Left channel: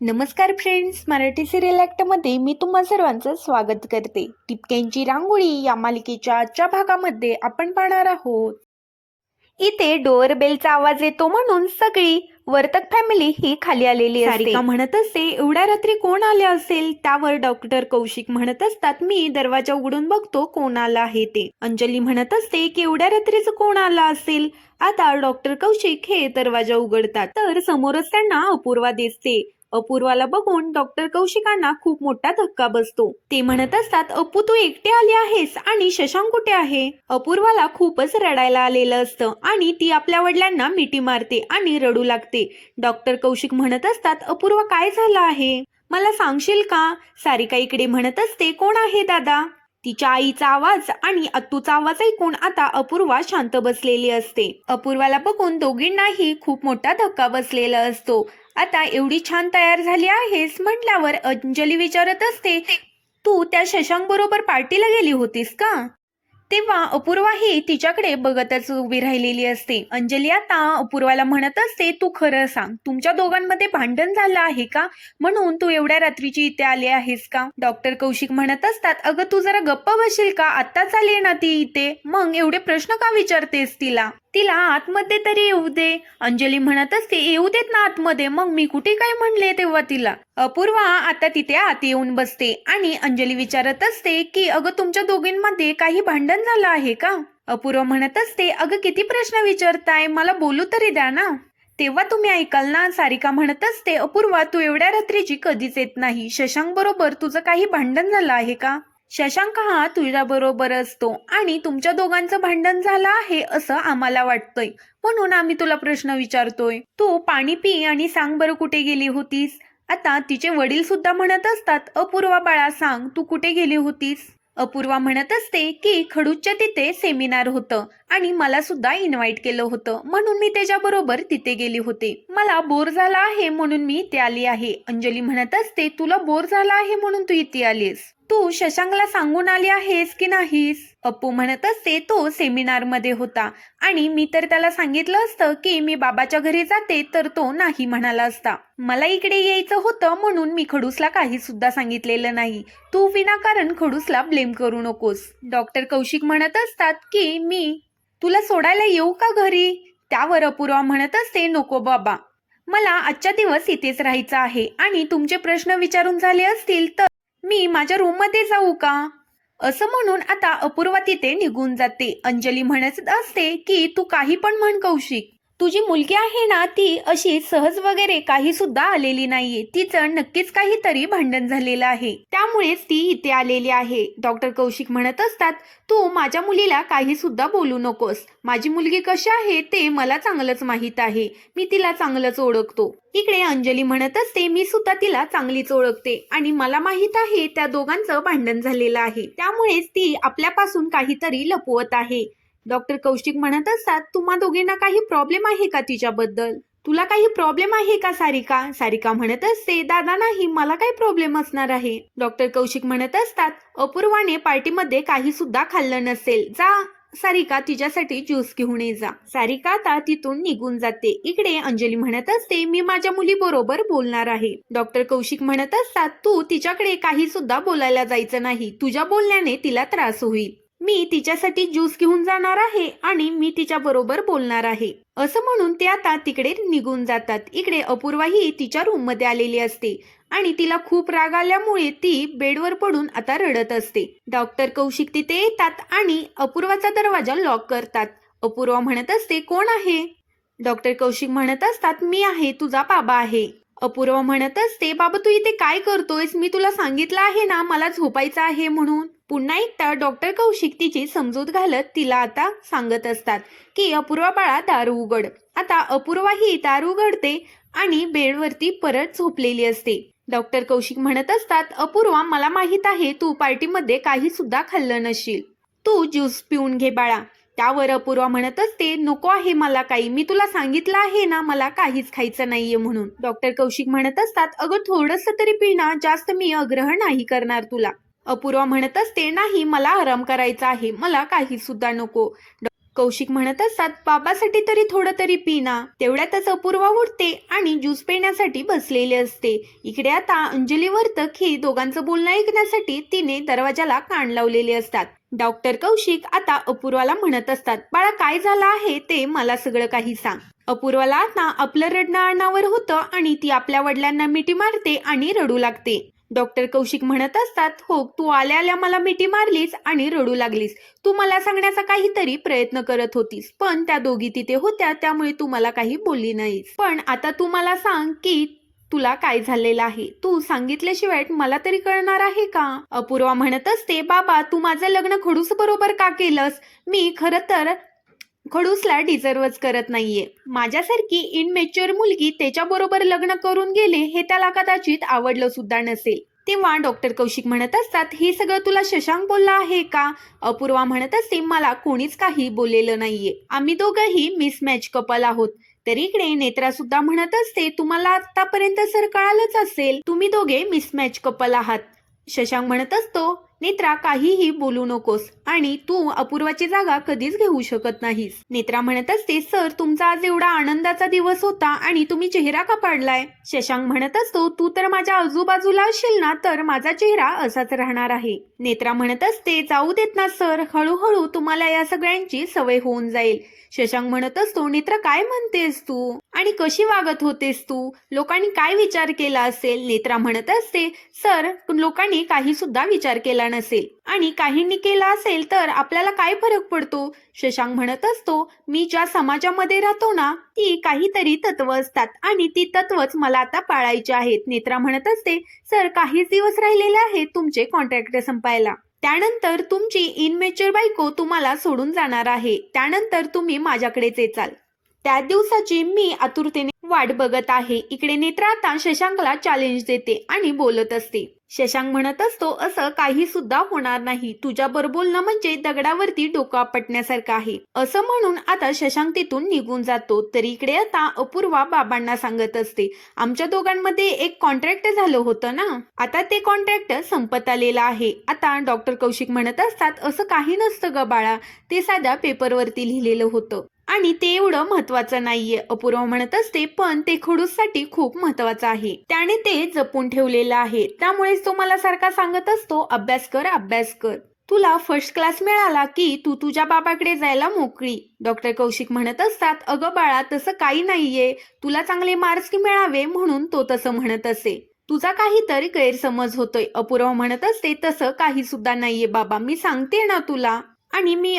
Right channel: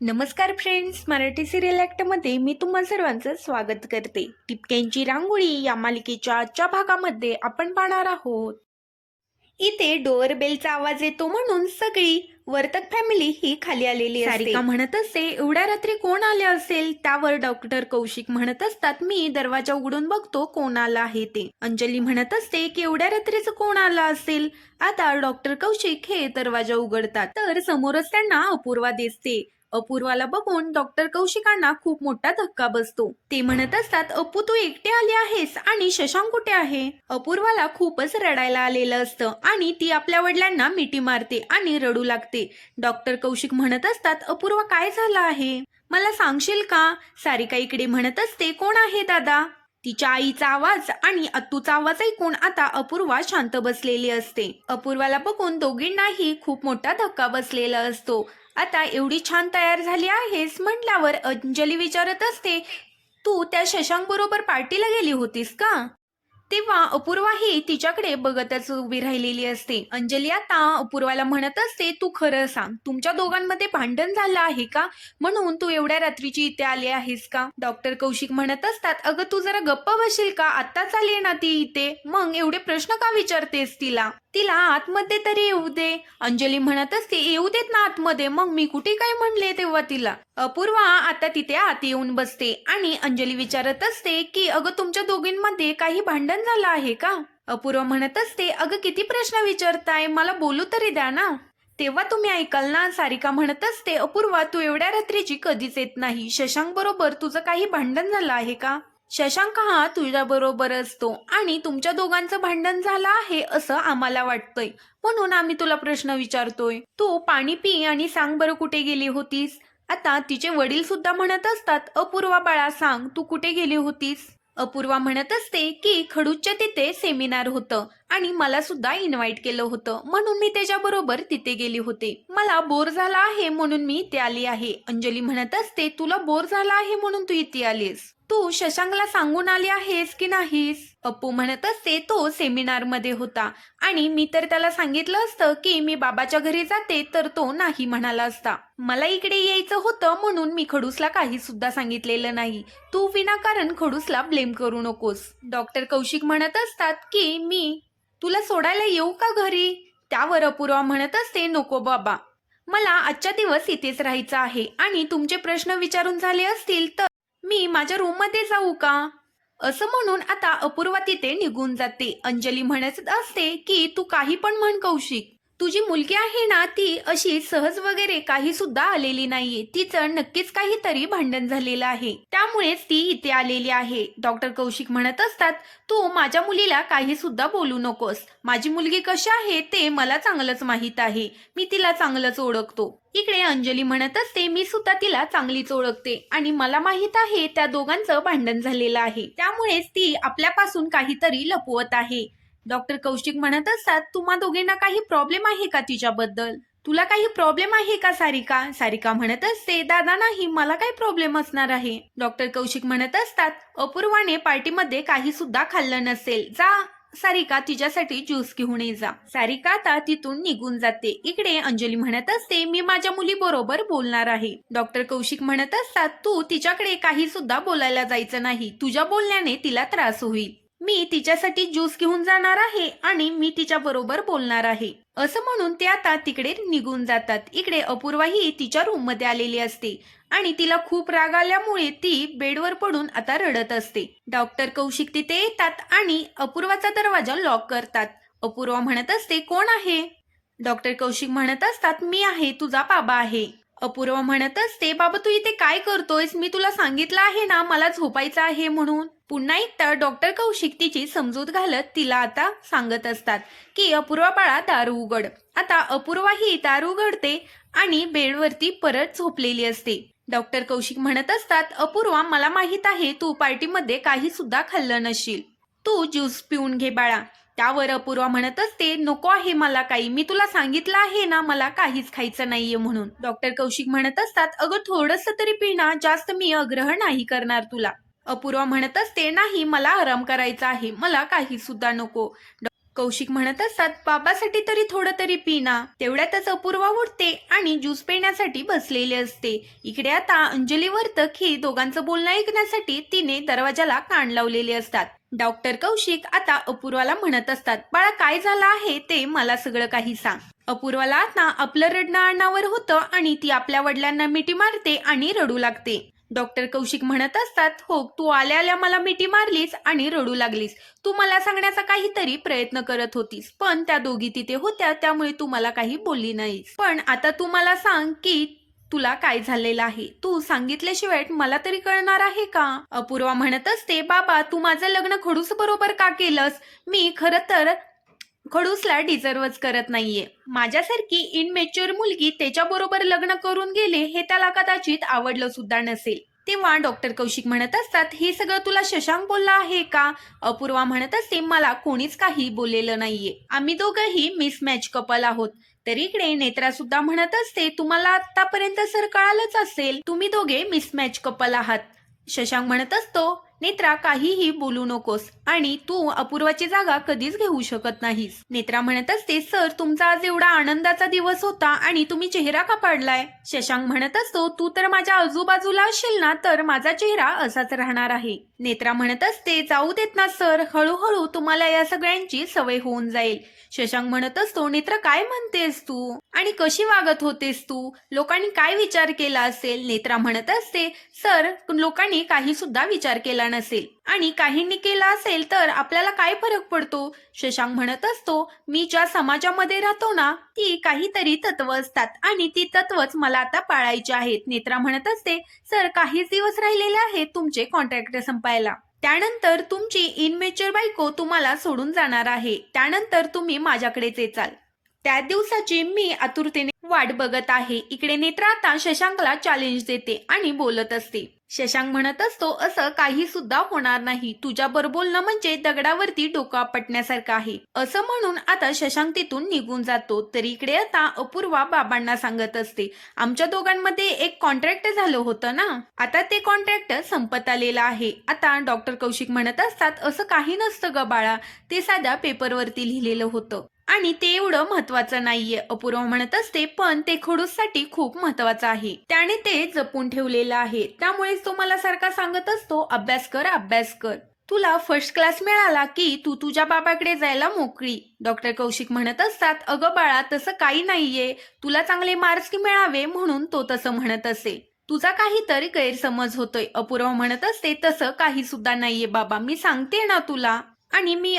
नमस्कार friends Marathi serial ॲक्टमध्ये मी तुम्हा सर्वांचं स्वागत करते. टिपक्यांची रांगोळी या मालिकेच्या आजच्या भागामध्ये आपण पाहणार आहोत. इथे डोअर बेलचा आवाज येतो म्हणून सगळी वर्तक फॅमिली ही खाली आलेली असते. म्हणत असते एवढ्या रात्री कोण आले असेल? त्यावर डॉक्टर कौशिक म्हणत असतात मी दरवाजा उघडून बघतो कोण आला आहे ते. अंजली म्हणत असते की एवढ्या रात्रीचं कोण आला असेल? आता डॉक्टर कौशिक हे दरवाजा उघडतात तर समोरच त्यांना अपूर्वा दिसते. अपूर्वाला बघून डॉक्टर कौशिकांना खूप मोठा धक्का बसतो. ते म्हणत असतात अपू तू एकटे आली आहेस आणि शशांक कुठे आहे? अपूर्वाला खूपच रडायला आलेलं असतं आणि ती आपल्या वडिलांना मिठी मारते आणि रडू लागते. डॉक्टर कौशिक म्हणत असतात अपूर्वा काय झालं आहे? मला सांगशील का? सारिका इकडे म्हणत असते कोण आहे दादा? तिच्या आईचा आवाज आणि अत्तूचा आवाज ऐकून आता अपूर्वा शांत बसलेली असते. अपूर्वाला बघून दोघींनाही खूप मोठा धक्का बसलेला असतो. आता एवढी छान तयार झाली आहेस म्हटल्यावर अंजली विचारत असते तू त्या शशांक बरोबर पार्टीला गेली होतीस का? तेव्हा अपूर्वा ही तिच्याकडे बघतच उभी राहिलेली असते. अंजली आता अपूर्वाला म्हणत असते तू खरं सांग तुमच्या दोघांमध्ये भांडण झालं आहे का? म्हणून तू एवढ्या रात्रीची इथे आली आहेस का? डॉक्टर कौशिक म्हणत असतात अगं तू जरा गप्प बसशील का? आत्ताच आली ना ती इथे. मग एवढे प्रश्न का विचारतेस तिला? तिला आतमध्ये तरी येऊ दे. अंजली म्हणत असते येऊ देत ना आतमध्ये. मग मी कुठे काय म्हणले तेव्हा तिला? अपूर्वा आता तिथे आत येऊन बसते आणि अंजली विचारत असते की अगं तुमच्या दोघींमध्ये काही भांडण झालं आहे का? अपूर्वा म्हणत असते अगं किती प्रश्न विचारताय. मला बोलू तरी द्या ना. तेव्हा तुम्ही ऐकाल ना सारिका म्हणत असते अपूर्वा तू एवढ्या रात्रीची कधीच येत नाही. शशांक बरोबर तुझं काही भांडण झालं आहे का? शशांक हा तुझ्याबरोबर असतो आणि तुमच्या दोघांचं भांडण झालं आहे असं आम्हाला वाटतंय. म्हणून आम्ही तुला प्रश्न विचारतोय. तू पाणी पी आणि सांग बरं कुठे गेली होतीस? आता तिचे वडील सुद्धा म्हणत असतात अपूर्वा बाळा सांग तू कुठे गेली होतीस? अपूर्वा म्हणत असते की खडूच्या तिथे सेमिनार होतं. आणि मला सुद्धा इन्व्हाइट केलं होतं. म्हणून मी त्याच्याबरोबर तिथे गेली होते. मला बोर झाला आहे म्हणून मी इथे आली आहे. अंजली म्हणत असते तुला बोर झाला आहे म्हणून तू इथे आलीस तू शशांकला सांगून आली आहेस की नाहीस? अप्पू म्हणत असते तो सेमिनारमध्ये होता. आणि मी तर त्याला सांगितलं असतं की मी बाबाच्या घरी जाते तर तो नाही म्हणाला असता. मला इकडे यायचं होतं म्हणून मी खडूसला काही सुद्धा सांगितलेलं नाही. तू विनाकारण खडूसला ब्लेम करू नकोस. डॉक्टर कौशिक म्हणत असतात की मी तुला सोडायला येऊ का घरी? त्यावर अपूर्वा म्हणत असते नको बाबा. मला आजच्या दिवस इथेच राहायचं आहे आणि तुमचे प्रश्न विचारून झाले असतील तर मी माझ्या रूममध्ये जाऊ का? असं म्हणून आता अपूर्वा तिथे निघून जाते. अंजली म्हणत असते की तू काही पण म्हण कौशिक. तुझी मुलगी आहे ना ती अशी सहज वगैरे काही सुद्धा आलेली नाहीये. तिचं नक्कीच काहीतरी भांडण झालेलं आहे. त्यामुळेच ती इथे आलेली आहे. डॉक्टर कौशिक म्हणत असतात तू माझ्या मुलीला काही सुद्धा बोलू नकोस. माझी मुलगी कशी आहे ते मला चांगलंच माहीत आहे. मी तिला चांगलंच ओळखतो. इकडे अंजली म्हणत असते मी सुद्धा तिला चांगलीच ओळखते आणि मला माहीत आहे त्या दोघांचं भांडण झालेलं आहे. त्यामुळेच ती आपल्यापासून काहीतरी लपवत आहे. डॉक्टर कौशिक म्हणत असतात तुम्हा दोघींना काही प्रॉब्लेम आहे का तिच्याबद्दल? तुला काही प्रॉब्लेम आहे का सारिका? सारिका म्हणत असते दादा नाही मला काही प्रॉब्लेम असणार आहे. डॉक्टर कौशिक म्हणत असतात अपूर्वाने पार्टीमध्ये काही सुद्धा खाल्लं नसेल. जा सारिका तिच्यासाठी ज्यूस घेऊन ये जा. सारिका आता तिथून निघून जाते. इकडे अंजली म्हणत असते मी माझ्या मुली बरोबर बोलणार आहे. डॉक्टर कौशिक म्हणत असतात तू तिच्याकडे काही सुद्धा बोलायला जायचं नाही. तुझ्या बोलण्याने तिला त्रास होईल. मी तिच्यासाठी ज्यूस घेऊन जाणार आहे आणि मी तिच्या बरोबर बोलणार आहे. असं म्हणून ते आता तिकडे निघून जातात. इकडे अपूर्वाही तिच्या रूममध्ये आलेली असते आणि तिला खूप राग आल्यामुळे ती बेडवर पडून आता रडत असते. डॉक्टर कौशिक तिथे येतात आणि अपूर्वाचा दरवाजा लॉक करतात. अपूर्वा म्हणत असते कोण आहे? डॉक्टर कौशिक म्हणत असतात मी आहे तुझा बाबा आहे. अपूर्वा म्हणत असते बाबा तू इथे काय करतोयस? मी तुला सांगितलं आहे ना मला झोपायचं आहे म्हणून. पुन्हा एकदा डॉक्टर कौशिक तिची समजूत घालत तिला आता सांगत असतात की अपूर्वा बाळा दारू उघड. आता अपूर्वा ही दारू उघडते आणि बेडवरती परत झोपलेली असते. डॉक्टर कौशिक म्हणत असतात अपूर्वा मला माहीत आहे तू पार्टीमध्ये काही सुद्धा खाल्लं नसशील तू ज्यूस पिऊन घे बाळा. त्यावर अपूर्वा म्हणत असते नको आहे मला काही. मी तुला सांगितलं आहे ना मला काहीच खायचं नाहीये म्हणून. डॉक्टर कौशिक म्हणत असतात अगं थोडस तरी पिणा जास्त मी अग्रह नाही करणार तुला. अपूर्वा म्हणत असते नाही मला आराम करायचा आहे. मला काही सुद्धा नको. कौशिक म्हणत असतात बाबासाठी तरी थोडं तरी पिना तेवढ्यातच अपूर्वा उठते आणि ज्यूस पिण्यासाठी बसलेले असते. इकडे आता अंजली वर्तक ही दोघांचं बोलणं ऐकण्यासाठी तिने दरवाजाला कान लावलेले असतात. डॉक्टर कौशिक आता अपूर्वाला म्हणत असतात बाळा काय झालं आहे ते मला सगळं काही सांग. अपूर्वाला आता आपलं रडणं अणावर होतं आणि ती आपल्या वडिलांना मिठी मारते आणि रडू लागते. डॉक्टर कौशिक म्हणत असतात हो तू आल्या आल्या मला मिठी मारलीस आणि रडू लागलीस. तू मला सांगण्याचा काहीतरी प्रयत्न करत होतीस पण त्या दोघी तिथे होत्या त्यामुळे तू मला काही बोलली नाहीस. पण आता तू मला सांग की तुला काय झालेलं आहे? तू सांगितल्याशिवाय मला तरी कळणार आहे का? अपूर्वा म्हणत असते बाबा तू माझं लग्न खडूस बरोबर का केलंस? मी खरं तर खडूसला डिझर्वच करत नाहीये. माझ्यासारखी इनमेच्युअर मुलगी त्याच्याबरोबर लग्न करून गेले हे त्याला कदाचित आवडलं सुद्धा नसेल. तेव्हा डॉक्टर कौशिक म्हणत असतात हे सगळं तुला शशांक बोलला आहे का? अपूर्वा म्हणत असते मला कोणीच काही बोललेलं नाहीये. आम्ही दोघंही मिसमॅच कपल आहोत. तर इकडे नेत्रा सुद्धा म्हणत असते तुम्हाला आतापर्यंत सर कळालंच असेल. तुम्ही दोघे मिसमॅच कपल आहात. शशांक म्हणत असतो नेत्रा काहीही बोलू नकोस आणि तू अपूर्वाची जागा कधीच घेऊ शकत नाहीस. नेत्रा म्हणत असते सर तुमचा आज एवढा आनंदाचा दिवस होता आणि तुम्ही चेहरा का पाडलाय? शशांक म्हणत असतो तू तर माझ्या आजूबाजूला असशील ना तर माझा चेहरा असाच राहणार आहे. नेत्रा म्हणत असते जाऊ देत ना सर. हळूहळू तुम्हाला या सगळ्यांची सवय होऊन जाईल. शशांक म्हणत असतो नेत्र काय म्हणतेस तू? आणि कशी वागत होतेस तू? लोकांनी काय विचार केला असेल? नेत्रा म्हणत असते सर लोकांनी काही सुद्धा विचार केला नसेल. आणि काहींनी केला असेल तर आपल्याला काय फरक पडतो? शशांक म्हणत असतो मी ज्या समाजामध्ये राहतो ना ती काहीतरी तत्व असतात आणि ती तत्वच मला आता पाळायची आहेत. नेत्रा म्हणत असते सर काहीच दिवस राहिलेले आहेत तुमचे कॉन्ट्रॅक्ट संपायला. त्यानंतर तुमची इनमेच्युअर बायको तुम्हाला सोडून जाणार आहे. त्यानंतर तुम्ही माझ्याकडेच येचाल. त्या दिवसाची मी आतुरतेने वाट बघत आहे. इकडे नेत्रा आता शशांकला चॅलेंज देते आणि बोलत असते. शशांक म्हणत असतो असं काही सुद्धा होणार नाही. तुझ्यावर बोलणं म्हणजे दगडावरती डोकं आपटण्यासारखं आहे. असं म्हणून आता शशांक तिथून निघून जातो. तर इकडे आता अपूर्वा बाबांना सांगत असते आमच्या दोघांमध्ये एक कॉन्ट्रॅक्ट झालं होतं ना? आता ते कॉन्ट्रॅक्ट संपत आलेलं आहे. आता डॉक्टर कौशिक म्हणत असतात असं काही नसतं ग बाळा. ते साध्या पेपरवरती लिहिलेलं होतं. आणि ते एवढं महत्वाचं नाहीये. अपूर्व म्हणत असते पण ते खडूससाठी खूप महत्वाचं आहे. त्याने ते जपून ठेवलेलं आहे. त्यामुळेच तो मला सारखा सांगत असतो अभ्यास कर अभ्यास कर. तुला फर्स्ट क्लास मिळाला की तू तुझ्या बाबाकडे जायला मोकळी. डॉक्टर कौशिक म्हणत असतात अगं बाळा तसं काही नाहीये. तुला चांगले मार्क्स मिळावे म्हणून तो तसं म्हणत असे. तुझा काहीतरी गैरसमज होतोय. अपूर्व म्हणत असते तसं काही सुद्धा नाहीये बाबा. मी सांगते ना तुला. आणि मी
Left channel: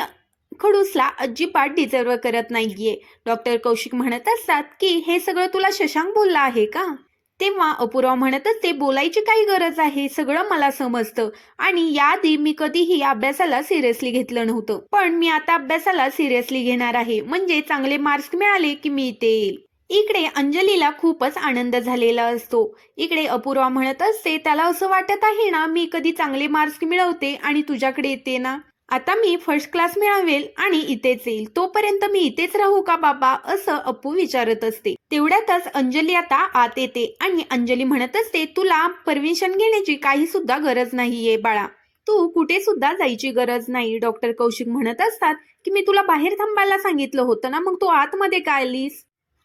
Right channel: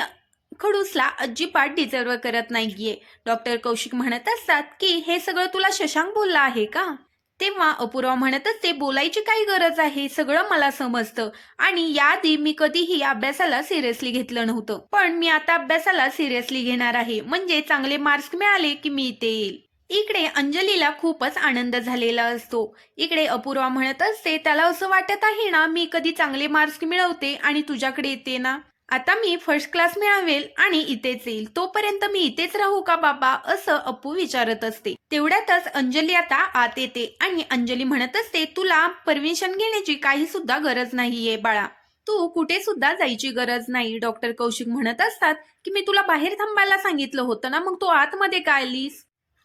खडूसला अजिबात डिझर्व करत नाहीये. डॉक्टर कौशिक म्हणत असतात की हे सगळं तुला शशांक बोलला आहे का? तेव्हा अपूर्वा म्हणत असते बोलायची काही गरज आहे सगळं मला समजतं. आणि याआधी मी कधीही अभ्यासाला सिरियसली घेतलं नव्हतं. पण मी आता अभ्यासाला सिरियसली घेणार आहे. म्हणजे चांगले मार्क्स मिळाले की मी इथे येईल. इकडे अंजलीला खूपच आनंद झालेला असतो. इकडे अपूर्वा म्हणत असते त्याला असं वाटत आहे ना मी कधी चांगले मार्क्स मिळवते आणि तुझ्याकडे येते ना? आता मी फर्स्ट क्लास मिळावेल आणि इथेच येईल. तोपर्यंत मी इथेच राहू का बाबा? असं अप्पू विचारत असते. तेवढ्यातच अंजली आता आत येते आणि अंजली म्हणत असते तुला परमिशन घेण्याची काही सुद्धा गरज नाहीये बाळा. तू कुठे सुद्धा जायची गरज नाही. डॉक्टर कौशिक म्हणत असतात की मी तुला बाहेर थांबायला सांगितलं होतं ना मग तू आतमध्ये काय आलीस?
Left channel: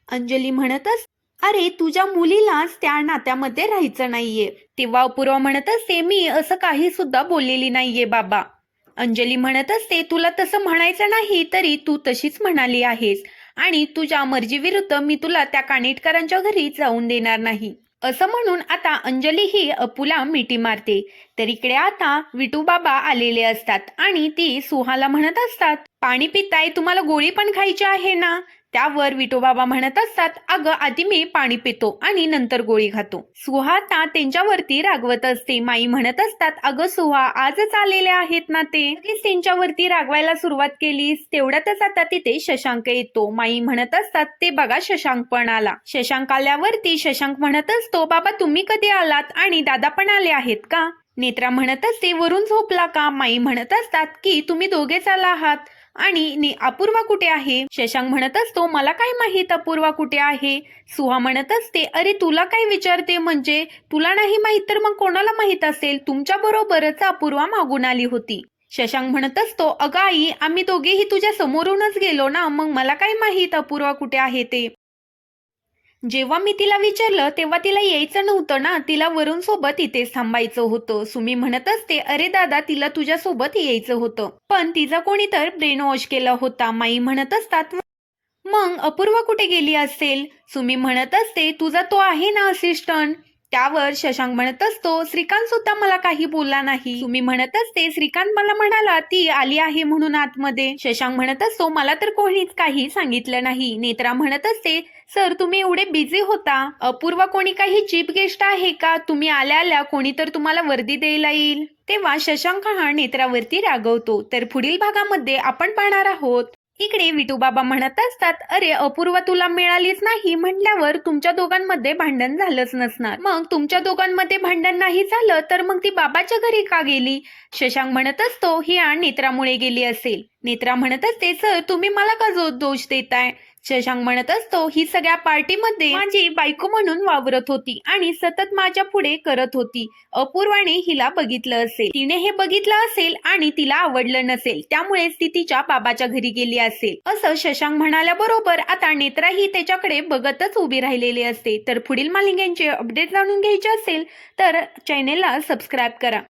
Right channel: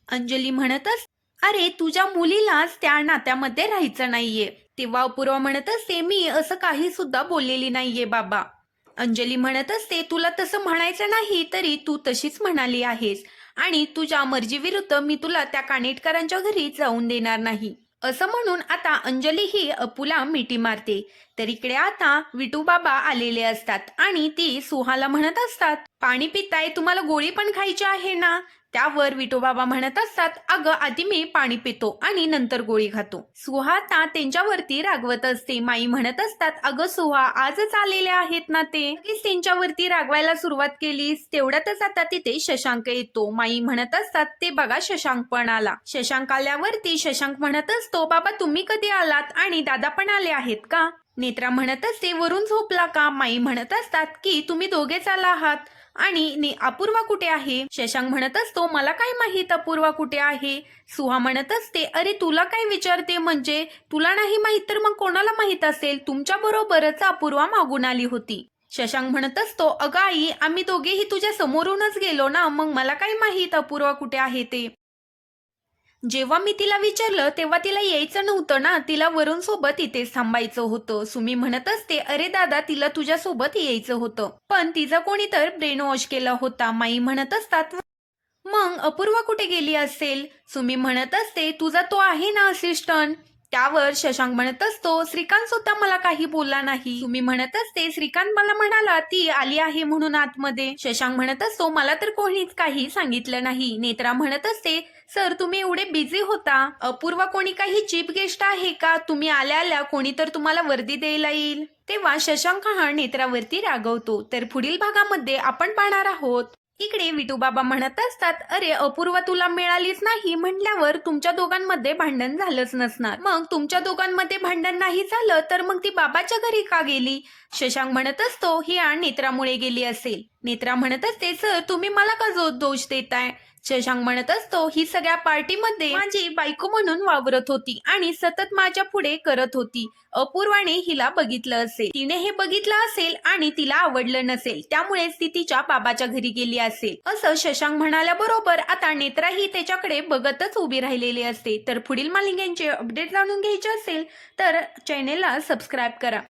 अंजली म्हणतच अरे तुझ्या मुलीलाच त्या नात्यामध्ये राहायचं नाहीये. तेव्हा अपूर्वा म्हणत असते मी असं काही सुद्धा बोललेली नाहीये बाबा. अंजली म्हणत असते तुला तसं म्हणायचं नाही तरी तू तशीच म्हणाली आहेस आणि तुझ्या मर्जीविरुद्ध मी तुला त्या कानेटकरांच्या घरी जाऊन देणार नाही. असं म्हणून आता अंजली ही अपूला मिठी मारते. तर इकडे आता विटू बाबा आलेले असतात आणि ती सुहाला म्हणत असतात पाणी पिताय तुम्हाला गोळी पण खायची आहे ना? त्यावर विठोबाबा म्हणत असतात अगं आधी मी पाणी पितो आणि नंतर गोळी खातो. सुहा आता त्यांच्यावरती रागवत असते. माई म्हणत असतात अगं सुहा आजच आलेले आहेत ना ते? त्यांच्यावरती रागवायला सुरुवात केलीस तेवढ्यातच आता तिथे शशांक येतो. माई म्हणत असतात ते बघा शशांक पण आला. शशांक आल्यावरती शशांक म्हणत असतो बाबा तुम्ही कधी आलात आणि दादा पण आले आहेत का? नेत्रा म्हणत असते वरून झोपला का? माई म्हणत असतात की तुम्ही दोघेच आला आहात. आणि अपूर्वा कुठे आहे? शशांक म्हणत असतो मला काय माहीत अपूर्वा कुठे आहे? सुहा म्हणत असते अरे तुला काय विचारते? म्हणजे तुला नाही माहीत तर मग कोणाला माहीत असेल? तुमच्या बरोबरच अपूर्वा मागून आली होती. शशांक म्हणत असतो अगं आई आम्ही दोघेही तुझ्या समोरूनच गेलो ना मग मला काय माहीत अपूर्वा कुठे आहे ते? जेव्हा मी तिला विचारलं तेव्हा तिला यायचं नव्हतं ना. तिला वरुण सोबत इथेच थांबायचं होतं. सुमी म्हणत असते अरे दादा तिला तुझ्या सोबत यायचं होतं. पण तिचा कोणी तर ब्रेन वॉश केला होता. माई म्हणत असतात मग अपूर्वा कुठे गेली असेल? सुमी म्हणत असते तुझा तो आहे ना असिस्टंट त्यावर शशांक म्हणत असतो श्रीकांत सुद्धा मला काही बोलला नाही. तुम्ही म्हणत असते श्रीकांत मला म्हणाला ती आली आहे म्हणून आतमध्ये. शशांक म्हणत असतो मला तर कोणीच काही सांगितलं नाही. नेत्रा म्हणत असते सर तुम्ही एवढे बिझी होता. अपूर्वा कोणी काही चीफ गेस्ट आहे का? तुम्ही आल्या आल्या कोणी तर तुम्हाला वर्दी द्यायला येईल. तेव्हा शशांक हा नेत्रावरती रागवतो. तर पुढील भागामध्ये आपण पाहणार आहोत. इकडे विठूबाबा म्हणत असतात अरे अपूर्व तुला मिळालीच नाही म्हटल्यावर तुमच्या दोघांमध्ये भांडण झालंच नसणार. मग तुमच्या दोघांमध्ये भांडण नाही झालं तर मग ती बाबाच्या घरी का गेली? शशांक म्हणत असतो ही आण नेत्रामुळे गेली असेल. नेत्रा म्हणत असते सर तुम्ही मला का जो दोष देताय? शशांक म्हणत असतो ही सगळ्या पार्टीमध्ये माझी बायको म्हणून वावरत होती आणि सतत माझ्या पुढे करत होती. अपूर्वाने हिला बघितलं असेल. तिने हे बघितलं असेल आणि तिला आवडलं नसेल. त्यामुळेच ती तिच्या बाबाच्या घरी गेली असेल. असं शशांक म्हणाल्याबरोबर आता नेत्राही त्याच्याकडे बघतच उभी राहिलेली असते. तर पुढील मालिकांचे अपडेट जाणून घ्यायचे असेल तर चॅनेलला सबस्क्राईब करा.